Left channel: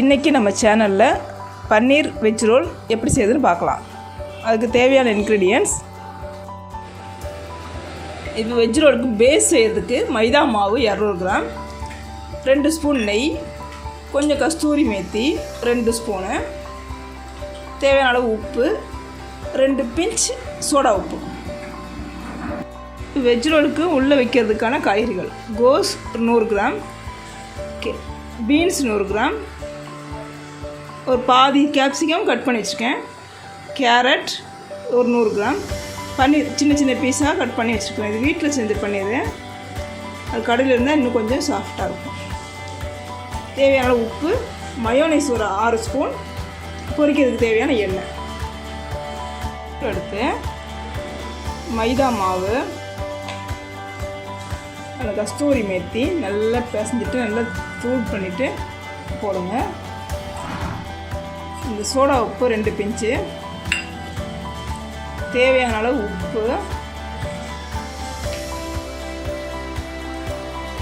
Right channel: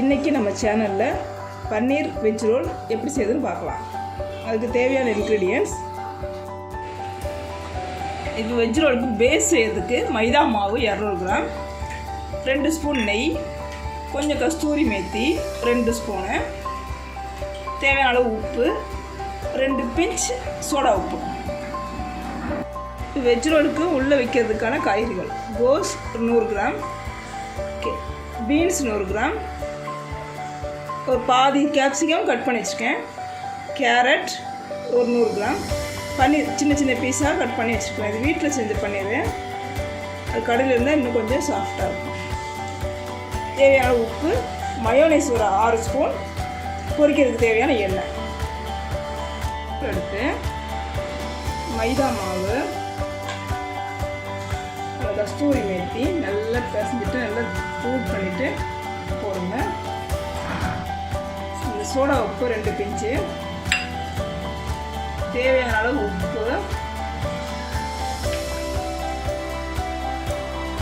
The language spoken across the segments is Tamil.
இன்றைக்கி நம்ம சேனலில் பன்னீர் வெஜ் ரோல் எப்படி செய்யுதுன்னு பார்க்கலாம். அதுக்கு தேவையான இன்க்ரீடியன்ட்ஸ். இது வெஜ் ரோலுக்கு பேஸ் செய்யறதுக்கு மைதா மாவு 200 கிராம், 2 ஸ்பூன் நெய், கொஞ்சம் கஸ்தூரி மேத்தி 2 ஸ்பூனு, தேவையான அளவு உப்பு, 2 பிஞ்ச் சோடா உப்பு. வெஜ் ரோலுக்கு உள்ளே வைக்கிறதுக்கான காய்கறிகள்: கோஸ் 100 கிராம், பீன்ஸ் 100 கிராம், ஒரு பாதி கேப்சிகம் கட் பண்ணி வச்சுருக்கேன், கேரட் ஒரு 100 கிராம், பன்னீர் சின்ன சின்ன பீஸாக கட் பண்ணி வச்சுருக்கேன். இது வீட்டில் செஞ்சு பன்னீர், அது கடையில் இருந்தால் இன்னும் கொஞ்சம் சாஃப்டாக இருக்கும். தேவையான உப்பு, மயோனைஸ் ஒரு 6 ஸ்பூன், பொரிக்கிறதுக்கு தேவையான எண்ணெய் எடுத்து மைதா மாவு, கஸ்தூரி மேத்தி நல்லா பிசைஞ்சிட்டு நல்லா தூள் பண்ணிவிட்டு போடுங்க. இந்த சோடா உப்பு 2 பிஞ்சு, தேவையான அளவு உப்பு,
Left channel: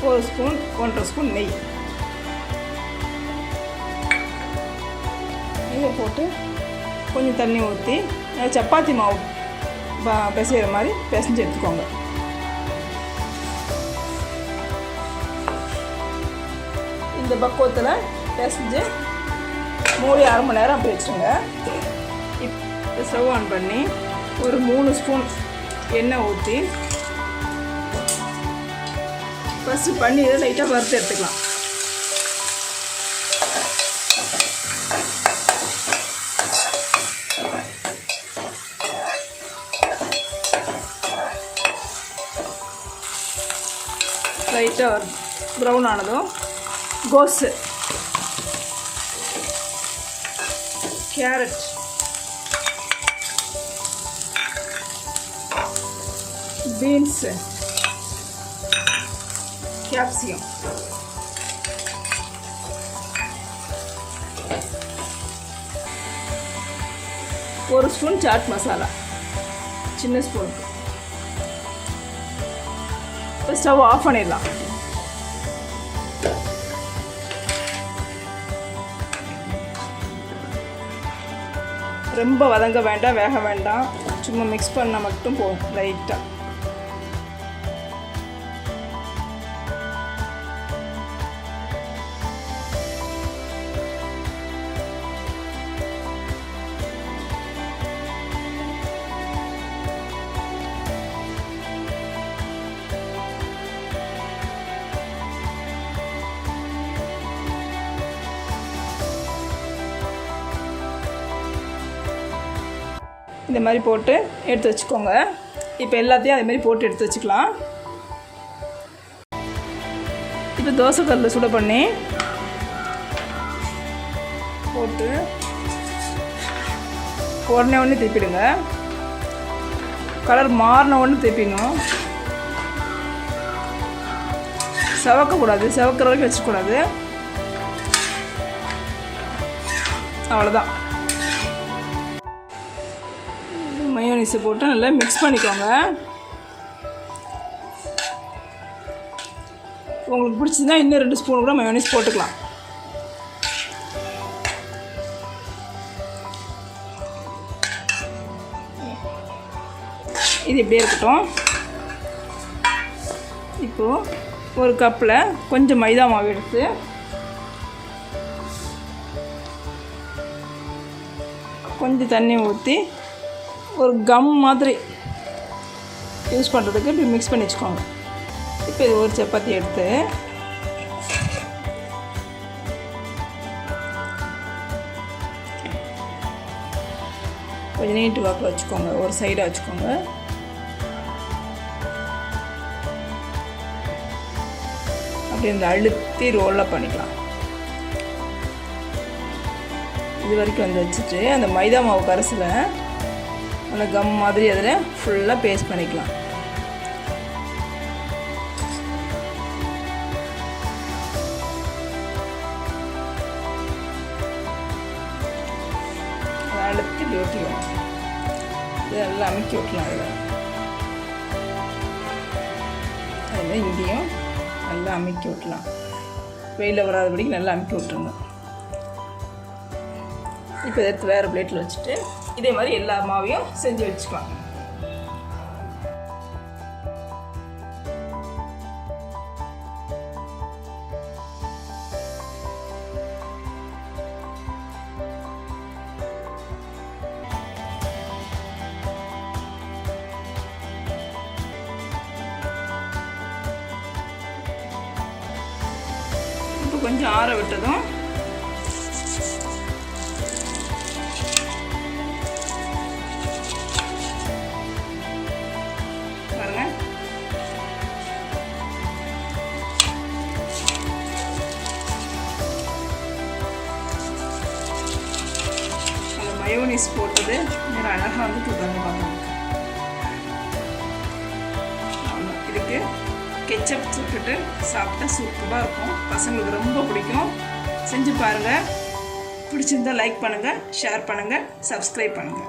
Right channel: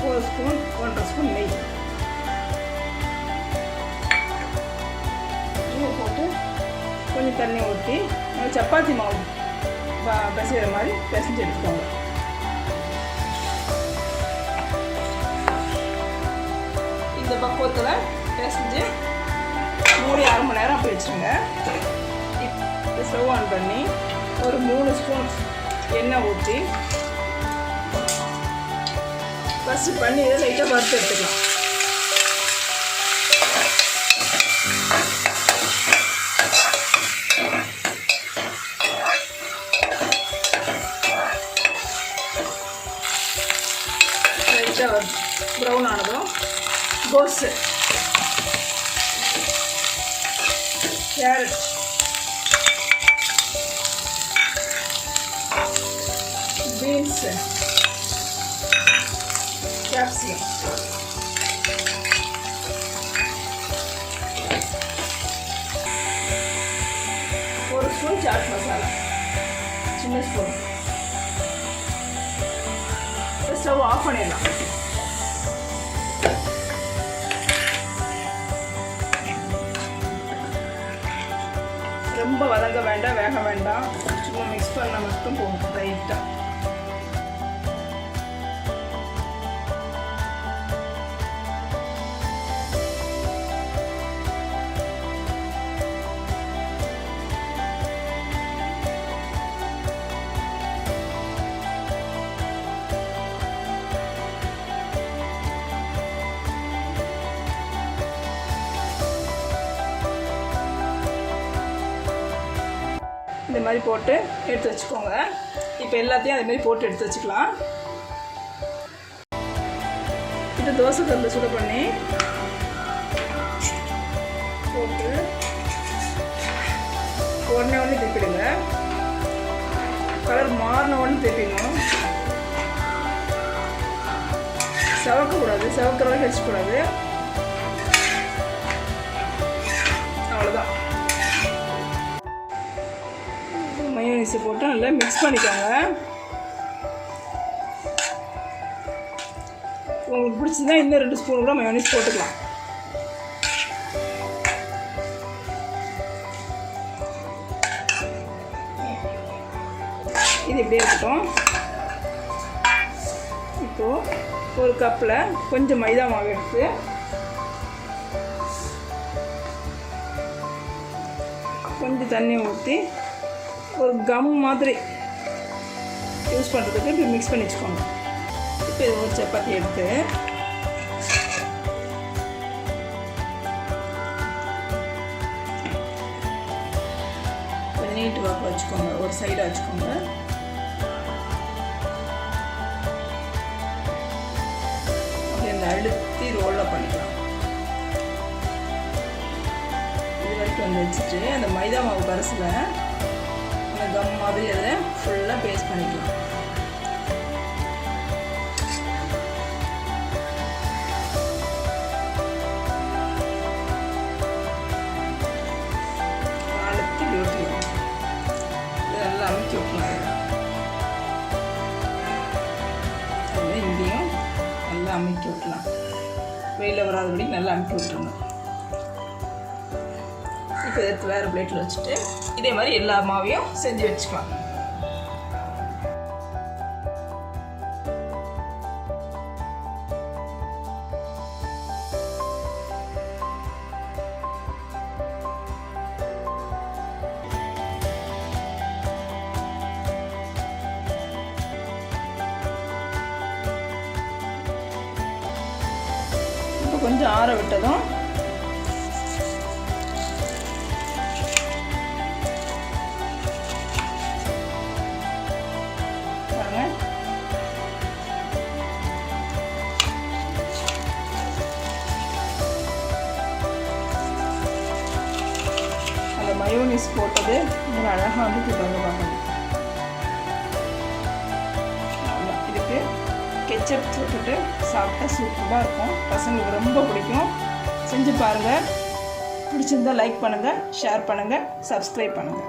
1 ஸ்பூன் 1.5 ஸ்பூன் நெய் போட்டு கொஞ்சம் தண்ணி ஊற்றி சப்பாத்தி மாவு பிசைகிற மாதிரி பிசைஞ்சு எடுத்துக்கோங்க. இந்த பக்குவத்தில் பிசைஞ்சு மூடி 1/2 மணி நேரம் அப்படி வச்சுருங்க. இப்போ ஸ்டவ் ஆன் பண்ணி ஒரு 3 ஸ்பூன் எண்ணெய் ஊற்றி ஃபஸ்ட்டு பன்னீரை லைட்டாக வறுத்து எடுத்துக்கலாம். லைட்டாக ப்ரௌன் ஆனதும் கோஸு, கேரட், பீன்ஸு, கேப்சிகம், ஒரு ஸ்பூன் சாட் மசாலா சின்ன ஸ்பூன். ஸ்டவ் ஆஃப் பண்ணிடலாம். ரொம்ப வதங்க வேண்டாம், வேக வேண்டாம், சும்மா மிக்ஸ் பண்ண மட்டும் போகும் லைட்டாக. இந்த மாதிரி போட்டு எடுத்து வச்சுக்கோங்க. இப்போ எல்லாத்தையும் அதே மாதிரி போட்டு எடுத்து வச்சுக்கலாம். இப்போ தோசை கல்லில் சுட பண்ணி போட்டு உடனே திருப்பிடுங்க. கலர் மாறின உடனே திருப்பிடணும். செவக்கக்கூடாது, செவக்கிற வரைக்கும் வச்சுக்கூடாது. அவ்வளோதான். மயோனைஸை போட்டு நல்லா மிக்ஸ் பண்ணிக்கோங்க. உங்களுக்கு பிடிச்சதுன்னா இன்னும் 2 ஸ்பூன் கூட மயோனைஸ் போட்டுக்கலாம். இது இப்படியே இருக்கட்டும். இப்போது ஒரு கப்பில் கொஞ்சம் மைதா மாவு எடுத்து கொஞ்சம் தண்ணி ஊற்றி ஒரு கம் மாதிரி யூஸ் பண்ணுறதுக்கு இப்படி மிக்ஸ் பண்ணி வச்சுக்கோங்க. இப்போ இது ஒரு சப்பாத்தி எடுத்து கொஞ்சம் நீட்டு வாக்கில் வச்சுக்கோங்க, ஒரு சைடாக வச்சுக்கோங்க. அப்படி இந்த அழுத்தி ரோலில் பண்ணிக்கலாம். இது வரைக்கும் வந்து வச்சுட்டு அந்த மைதா மாவு கரைசலை அந்த கம் மாதிரி அதில் ஃபுல்லாக பேஸ்ட் பண்ணிக்கலாம். அழுத்தி ஓட்டிக்கலாம். இதெல்லாம் அமுக்கி விட்டலாம். அதில் இங்கேயும் நல்லா அமுக்கி விட்டலாம். வெயிலில் வராதபடிக்கு நல்லா அமுக்கி விட்டுருங்க. இப்போ எடுத்து வேறு பிளேட்டில் வச்சுட்டு இதே மாதிரி எல்லா மாவையும் செஞ்சு வச்சுக்கலாம். இப்போ கொஞ்சம் ஆற விட்டதும் பாருங்க, அந்த மயோனிஸ் போட்டது நல்லா அழகாக வந்து பாருங்க. இதுக்கு கெச்சப் போட்டுட்டு சாப்பிட்டா சூப்பராக இருக்கும். பசங்களுக்கு ரொம்ப பிடிக்கும். செஞ்சு பாருங்கள். பிடிச்சிருந்தால் லைக் பண்ணுங்கள், ஷேர் பண்ணுங்கள், சப்ஸ்கிரைப் பண்ணுங்கள்.